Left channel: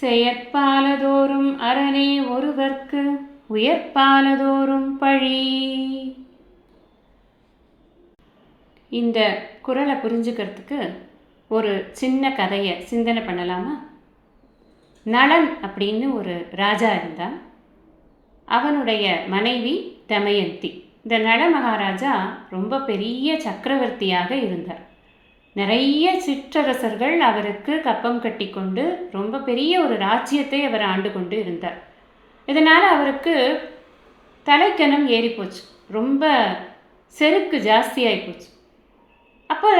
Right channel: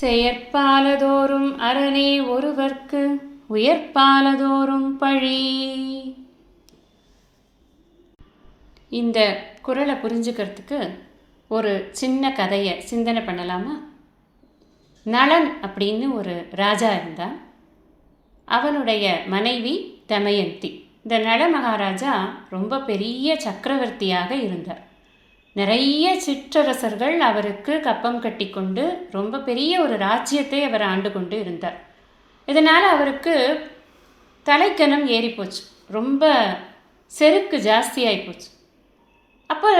செயற்பாலதோறும் அரணே ஒருவர்க்கு உயர்பாலதோறும் பழி. இந்த குறளை புரிஞ்சுக்கிறதுக்கு ஒரு சின்ன கதையை சிந்தனை பண்ணலாமா? நளன் அப்படின்னு ஒரு ராஜா இருந்தான். அவனுடைய மனைவி தமயந்தி. இந்த நள மகாராஜா ரொம்ப பெரிய சக்கரவர்த்தியாக இருந்தார். நிறைய சிற்றரசர்கள் அவருக்கு கப்பம் கட்டி கொண்டு ரொம்ப பெரிய ஒரு ராஜ்யத்தை அவர் ஆண்டு கொண்டு இருந்தார். இதனால் அவருக்கு தலைக்கனம் ஏறி போச்சு, ரொம்ப செருக்கு ஜாஸ்தியாகி போச்சு. அப்போ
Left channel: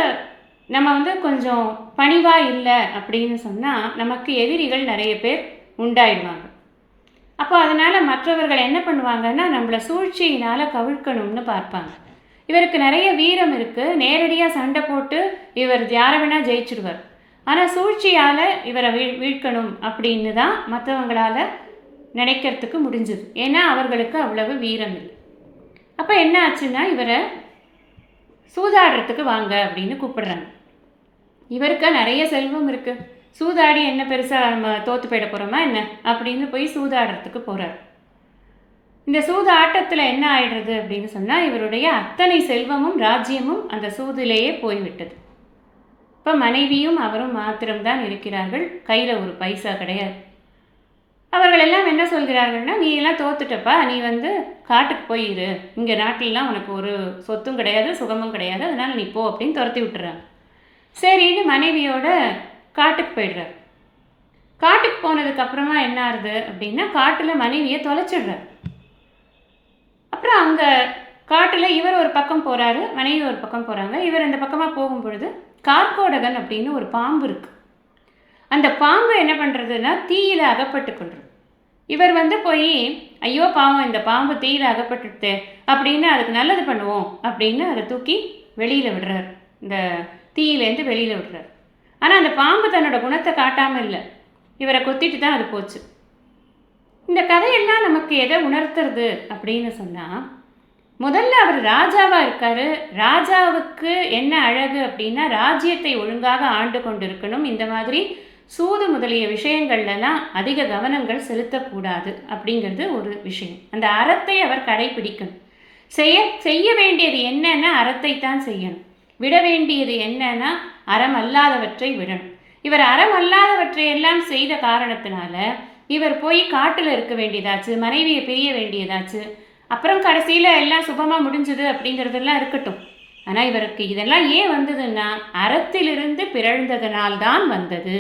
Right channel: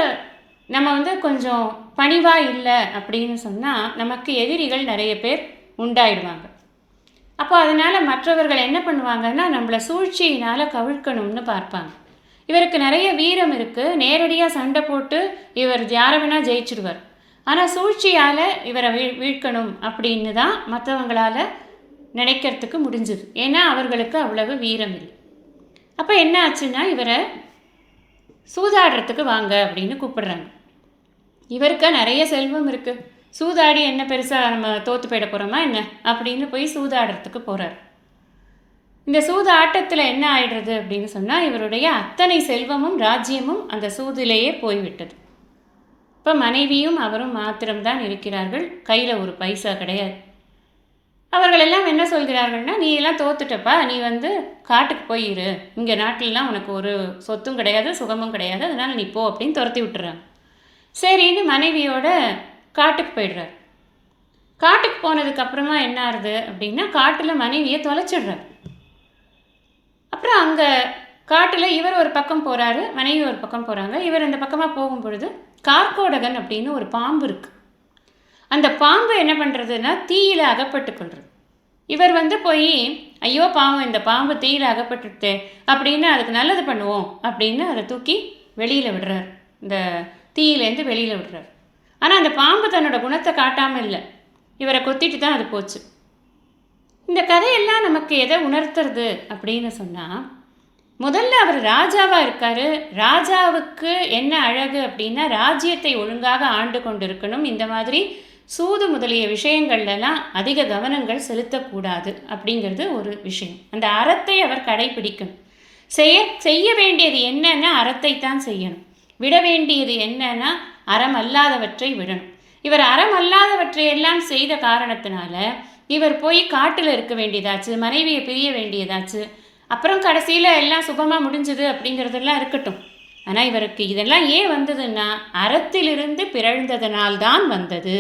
நம்ம கொஞ்சம் பணிவாக இல்லை அப்படின்னு சொன்னால் நமக்கு எதிரிகள் நிறைய பேர் உண்டாயிடுவாங்க. அப்போ அதனால் மற்றவர்கள் என்ன பண்ணுவாங்கன்னா நம்மளை சூழ்ச்சியினால் கவிழ்க்கணும்னு பார்ப்பாங்க. இவருக்கு நிறைய வீரம் இருக்குது, நேரடியாக சண்டை போட்டு இவர் யாரை வேணால் ஜெயிச்சிடுவார். ஆனால் சூழ்ச்சியால் இவரை வீழ்க்கணும் அப்படின்னு தான் மற்றவங்களால் நினைக்கிறதுக்கு முடிஞ்சுது. ஏன்னா அவர்களுக்கு அவ்வளவு வீரம் இல்லை. அப்போ என்ன ஆச்சுன்னா இவரை சூதாடுறதுக்கு வாங்க அப்படின்னு கூப்பிடுறாங்க. இவருக்கு நிறைய செல்வம் இருக்குது, சூதாடி என்ன பெருசாக நம்ம தோற்று போயிட போகிறோமா என்ன அப்படின்னு போய் சூதாடுறதுக்கு போகிறார். இந்த சூது ஆட்டத்தில் என்ன ஆயிடுறது அப்படின்னு சொன்னால் இவருடைய அத்தனை செல்வமும் ராஜ்யமும் அந்த சூதிலேயே போய்விட்டது. இப்போ மனைவியும் அவரும் மாத்திரம்தான் இருக்கிறார்கள், கையில் ஒரு பைசா கிடையாது. அவர்கள் எல்லாம் என்ன சொல்கிறார்கள்னா, நீ எல்லாம் தோத்துட்டப்பா, நீ காட்டுக்கு போயிரு, இங்கே நாட்டிலலாம் உனக்கு ஒரு சொத்தும் கிடையாது சுகமும் கிடையாது, அதனால் நீ போ அப்படின்னு துரத்தி விட்டுறாங்க. சரின்னு மனைவியோட காட்டுக்கு போயிடுறார். காட்டுக்கு போனதுக்கப்புறமா என்ன ஆகுது அப்படின்னா காட்டில் மனைவியை தொலைச்சிடுறார். அப்புறம் அங்கே காட்டில் இவர் ஒரு பக்கம் போகிறாரு, மனைவி ஒரு பக்கம் போகிறாங்க. இவர் அந்த பக்கமாக போகும் பொழுது கார்கோடகன் அப்படின்னு ஒரு பாம்பு இருக்குது. அந்த பாம்பு என்ன பண்ணுறதுன்னா தீயில் அகப்பட்டு கொள்வது. இவர் போய் ஐயோ பாவம் இந்த பாம்பு தீயில் அகப்பட்டுட்டு அப்படின்னு அதுக்கு நல்லது பண்ணுவோம் அப்படின்னு அதை தூக்கி வெளியில் விடுறார், இந்த தீயிலேருந்து வெளியில் விடுறார். ஆனால் அந்த பாம்பு தன்னோட குணத்தை காட்டாமல் இல்லை, இவரை கொத்திட்டு தான் அது போச்சு. இந்த கதையெல்லாம் நமக்கு எதை உணர்த்துறது அப்படின்னு சொன்னால், முதல்ல அவர் ராஜாவாக இருக்கார். ராஜாவுக்கு என்ன அழகு அப்படின்னா ராஜ்யத்தை ஒழுங்காக ஆண்டு கொண்டு இருக்கணும். இந்த மாதிரி சூது முதலிய விஷயங்கள்லாம் அதிக கவனங்கள் செலுத்தக்கூடாது அப்படிங்கிறது ஒரு விஷயம். அந்த அறத்தை அவர் கடைபிடிக்கணும். செய்ய வேண்டியது என்னன்னா அறத்தை தான் செய்யணும். விட வேண்டியது என்னன்னா அறம் அல்லாதவற்றை விடணும். இவர் அறம் அல்லாதவற்றையெல்லாம் செய்த காரணத்தினால இவர் போய் காட்டில் இருக்க வேண்டியதாச்சு, மனைவியை பிரிய வேண்டியதாச்சு. அப்புறம் கடைசியில் எல்லாம் சுபமாக முடிஞ்சுது அப்படிங்கிறதெல்லாம் இருக்கட்டும். ஆனால் இவருக்கு இதெல்லாம் ஏன் வந்ததுன்னா அறத்திலிருந்து பிறழ்ந்ததனால்தான் வந்தது.